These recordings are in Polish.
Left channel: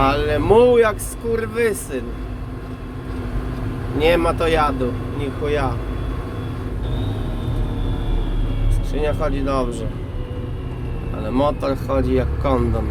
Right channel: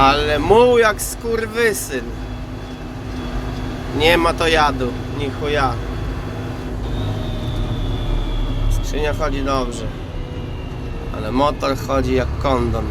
Ale muł jak skurwysyn. Nie ma to jadu, ni chuja. Skrzynia chodzi dobrze. Ale motor chodzi jak kondon.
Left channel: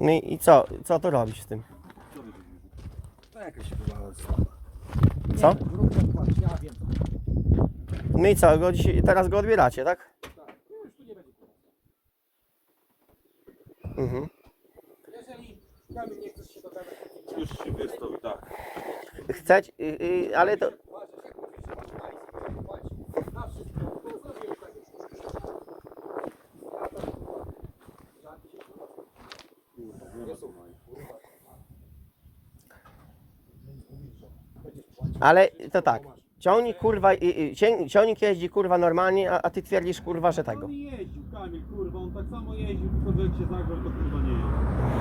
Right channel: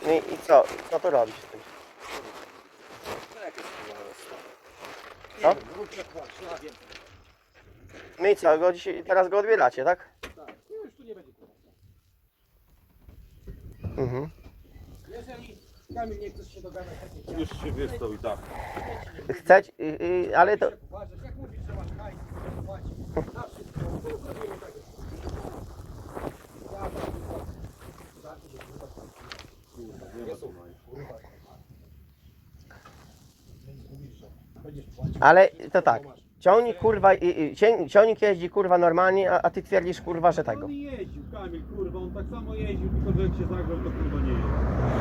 No i, i co? Co tu robisz z tym? Co? No i co? Go dzisiaj, teraz go odbieracie, tak? Mhm. Jeżeli nie chcesz się dogadać, to Już się wystawi, tak. Chcecie, ale to tak. Ja to kurwa. Zamknij się, kurwa, stąd. Nie słuchaj, kurwa. Mówisz, że będziesz płacił. Ale to tak. Ciągnik kurwa, cię- ciągnik jeździ kurwa normalnie, a, a ty twierdzisz kurwa, że tego. On nie jeździł, Kamil, kurwa, on tak samo jeździł, tylko że jak się zagrzał, to kurwa nie jeździł.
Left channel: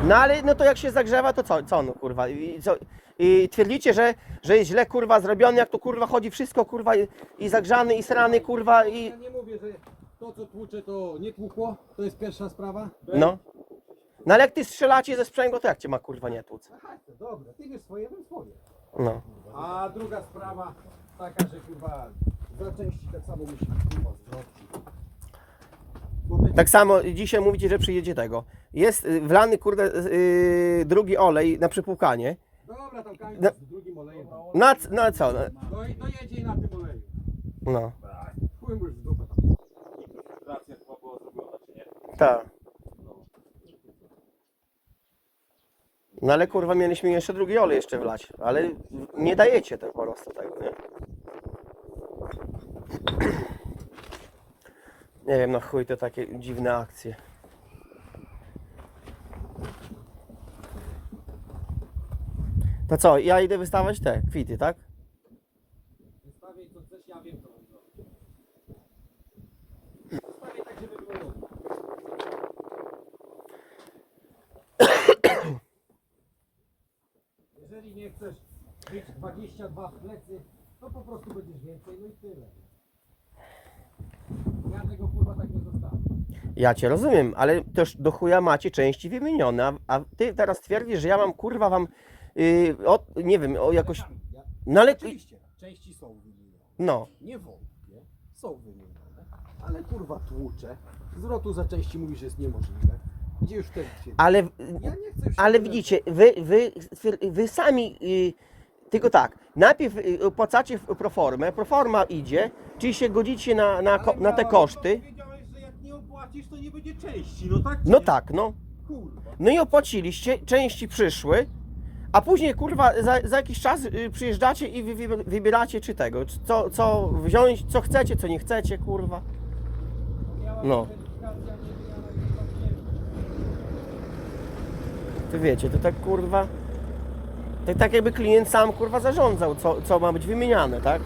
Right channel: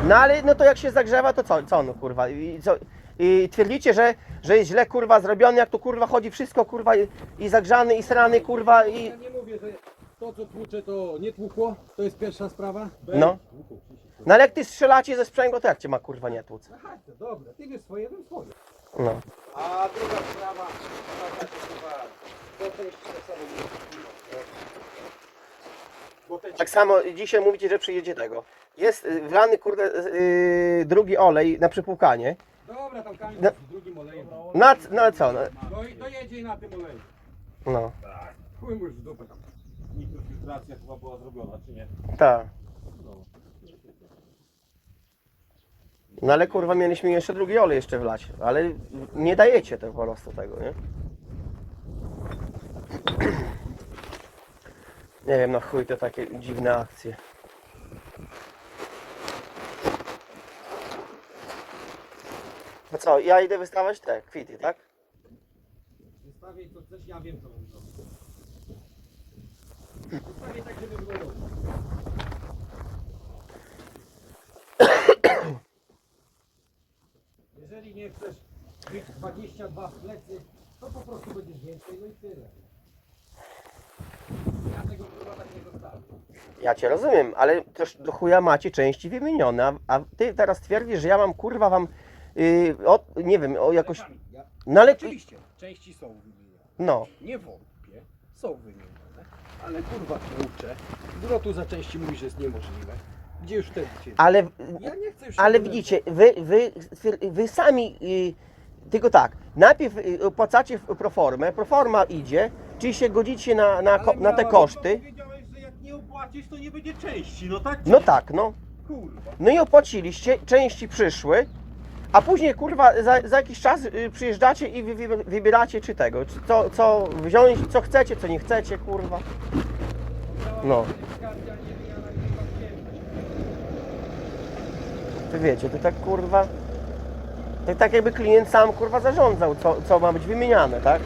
No ale no to jak się zagrzewa, to co, co no kurwa? I, co, i twierdzicie, że, że jest źle kurwa zrobiony, jak to kurwa chodzi wszystko kurwa i, i zagrzany, i srany kurwa i. Ja nie mówię, że to co tłucze to nie tłukło, to jest pierwsza sprawa. No. No ale jak ty strzelacie ze sprzęgła, to jak cię ma kurwa nie tłuc? Aha, to dobra, ty wiesz swoje, bym swoje. No. A druga sprawa, taka, że chyba do części tak samo te Tak samo dzisiaj mówicie, że przyjedzie tego. Jest y, wlany kurde y, drugi olej na przypłukanie. Dobra, tam Kamil No. z drugim olejem. Na, c- na co? No, No i to jedzie i na tym oleju. no Chuj mu już w dupę. Infiltracja chyba była zrobiona, czy nie? tak. No ale kurwa mieliśmy jeszcze drugi olej jeszcze wlać, ale nie dajecie tego po prostu tego, nie? Nie wiem, no chuj to takie dziwne akcje. No co, ja idę wystawiać te kwity, tak? Zostawię co chcesz, ja wiem co. Zostawię tak, żeby było dobrze. Jeżeli nie chcesz być 22 w plecy, to po prostu będziesz więcej, no i tyle. Ja tego kurwa tak nie zostawię. Ja cię rozumiem, ale też do chuja macie części wymienione, a, a ty teraz twierdzisz, że ja mam kurwa wam, yy, o, nie wiem, o jakoś, Ja, no ale, oczywiście, części są wymienione. no, Nie wątpię, są wymienione. Ale kurwa tłucze. Zwrotu za części mówi, że jest niemożliwe. Gdzie już wtedy się... ale, Ja nie chcę już... ale widzicie, wy, wy, wy sami, yy, tylko tak, najpierw yy, opłacacie w proformę, proforma idzie, czyli się godzicie na, na, ko- na te koszty, Powiedziałeś, że jak nie opłacisz, to nie będzie części, no tak? no tak, no, Kurwa. no i opłaciliście, części przyszły, a później kurwa za, za jakiś czas y, przyjeżdżacie i wy, wy, wybieracie czy tego, czy co, co wziąć, co chcecie, co nie chcecie, kurwa. No. To wiecie, to tak kurwa. Tak jakby klient sam kurwa zarządzał, co, co ma być wymieniane, tak?